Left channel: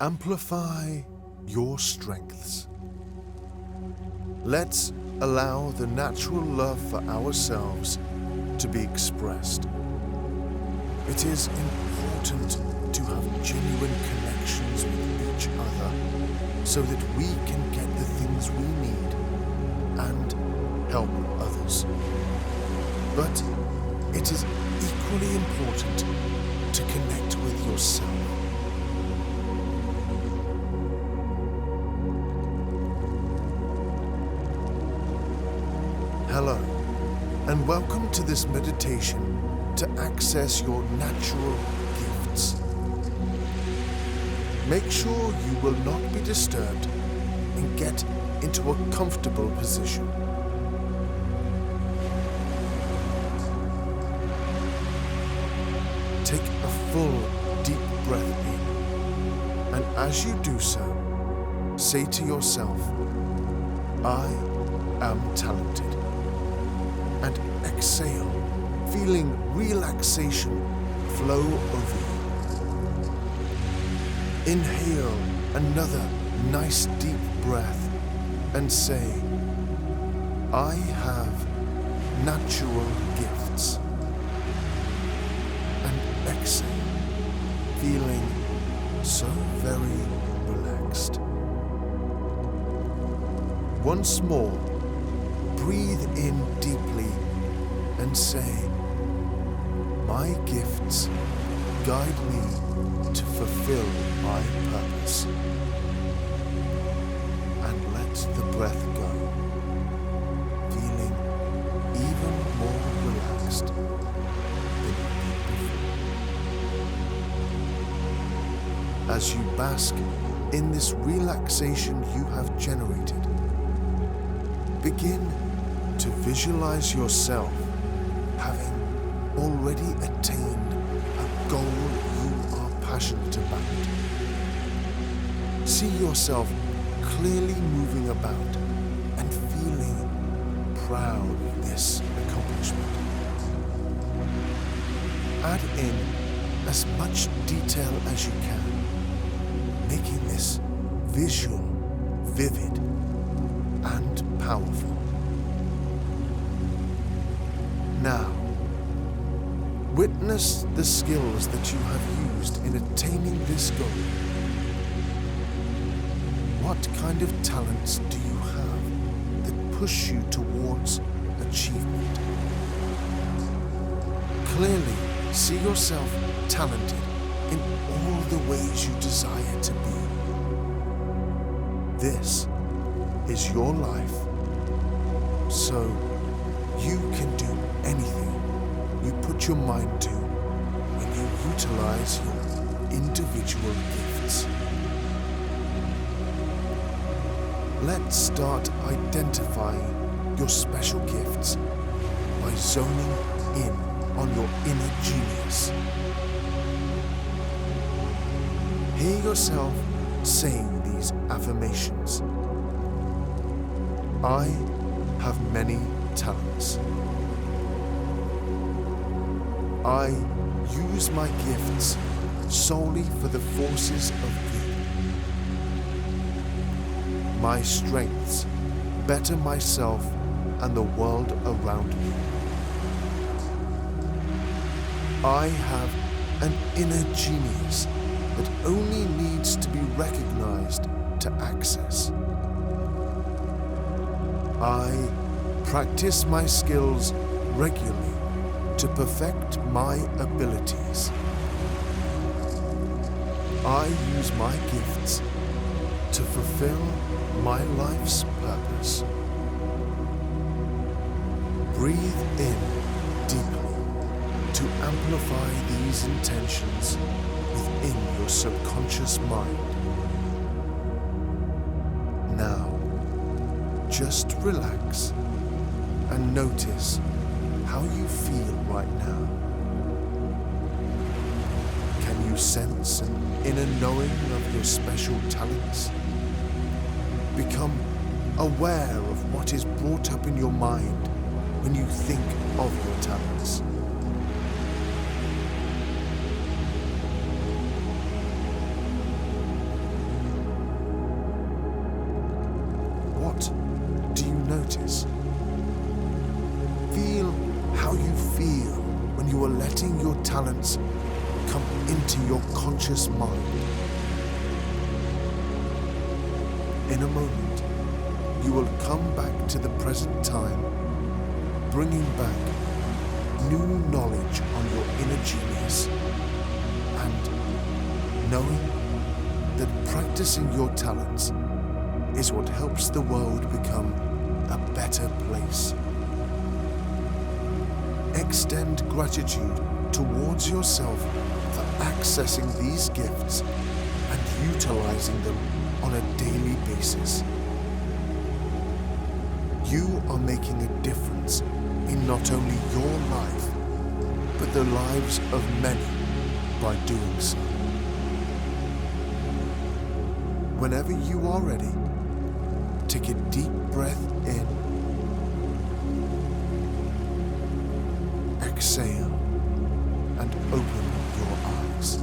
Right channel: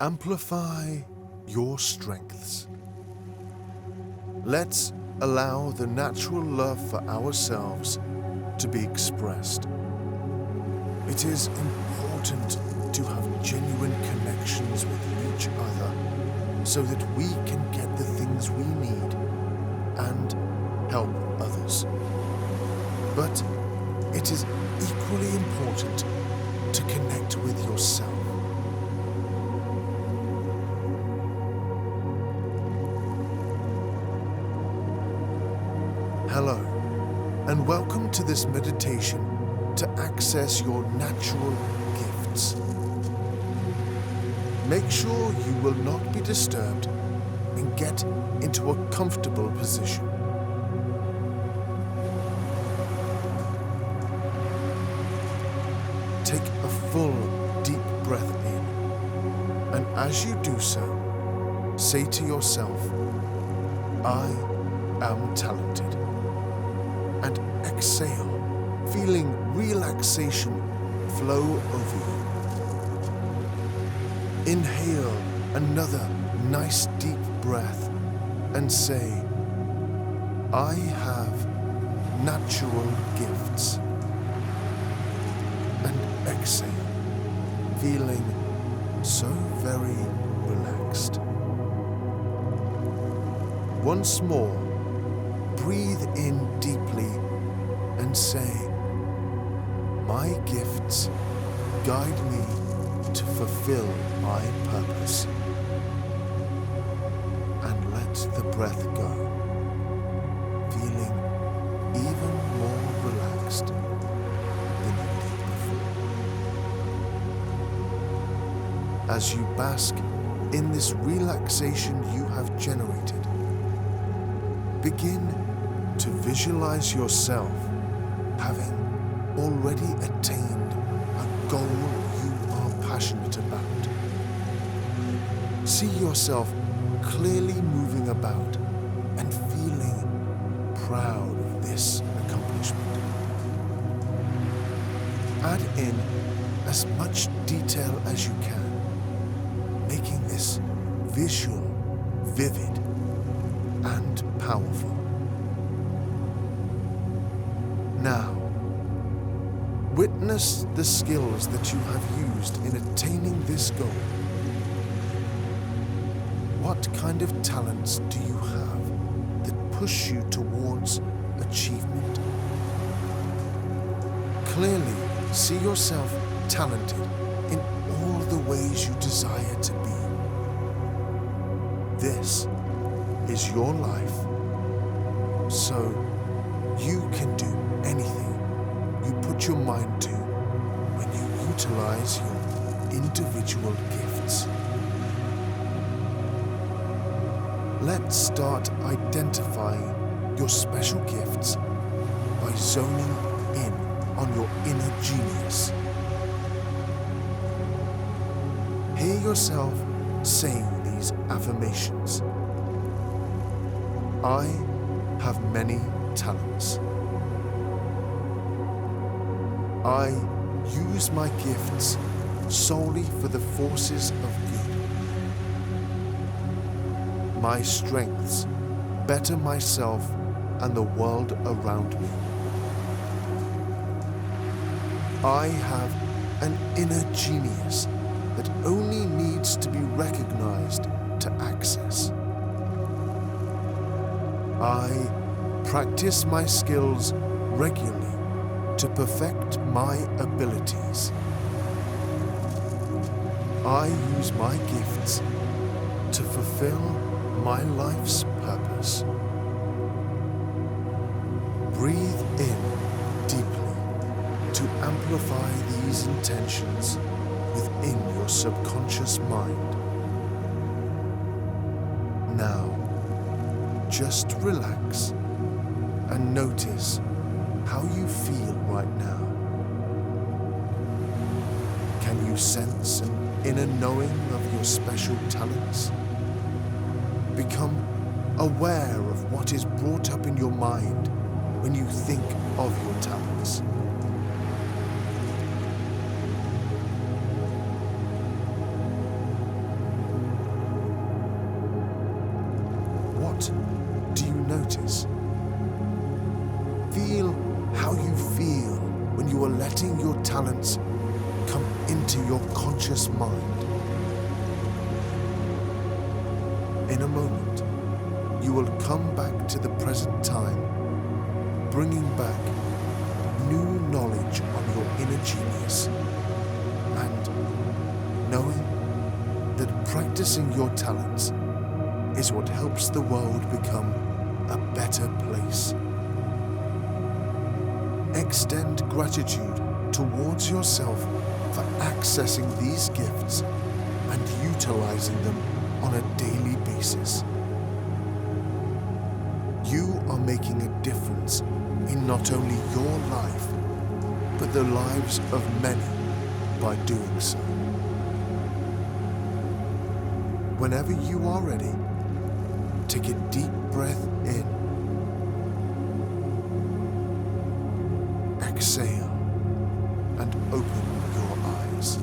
Amplify your strengths. Let's allow the natural love for ourselves to be expressed. It is important to have genuine connections with each other so that we can get the things we need and help others. But it is equally important to connect with yourself. Hello, and welcome to this meditation to access your natural gifts. Make sure you will not be disturbed and get into a comfortable position. Take a full, deep breath in, and as you do so, say to yourself, I am talented. And exhale, feeling relaxation flow over you. Inhale another nice deep breath and say, I have natural gifts. And exhale, feeling so very relaxed. Once more, breathe in deeply and say, my gifts guide me to fulfill my purpose. And let the breath go, feeling even more relaxed than you did before. As you bask in this relaxation you have generated, begin to visualize yourself having already attained a goal you are passionate about. See yourself clearly moving about and feeling proud of this accomplishment. Add in as much detail as you can, making this visual vivid and powerful. Now, witness the skills that you have used in attaining this goal. What kind of talents do you have that push you towards achievement? Clearly, see yourself talented in all the ways you desire to be. This is your life, so you can do anything you put your mind to when you utilize your individual gifts. Let's start identifying your special gifts by zoning in on your inner genius. Hear yourself saying these affirmations. I have many talents. I use my gifts solely for the forces of good. My strengths better myself and the world around me. I have an inner genius that only needs to be recognized to access. I practice my skills regularly to perfect my abilities. I use my gifts to fulfill my life's purpose. Breathe in deeply to amplify these intentions within your subconscious mind. Now, just relax and notice how you feel right now. Can you sense an inner knowing of your special talents? Become aware of what is brought up in your mind when you think of your talents. What do you notice? Feel how you feel when you are letting your talents come into your conscious mind. In a moment, you will come back to the present time, bringing back new knowledge on your inner genius, and knowing that practicing your talents is what helps the world become a better place. Extend gratitude towards yourself for accessing these gifts and utilizing them on a daily basis. You are making a difference in not only your life, but the lives of many by doing so. Whenever you are ready, take a deep breath in, exhale, and open your eyes.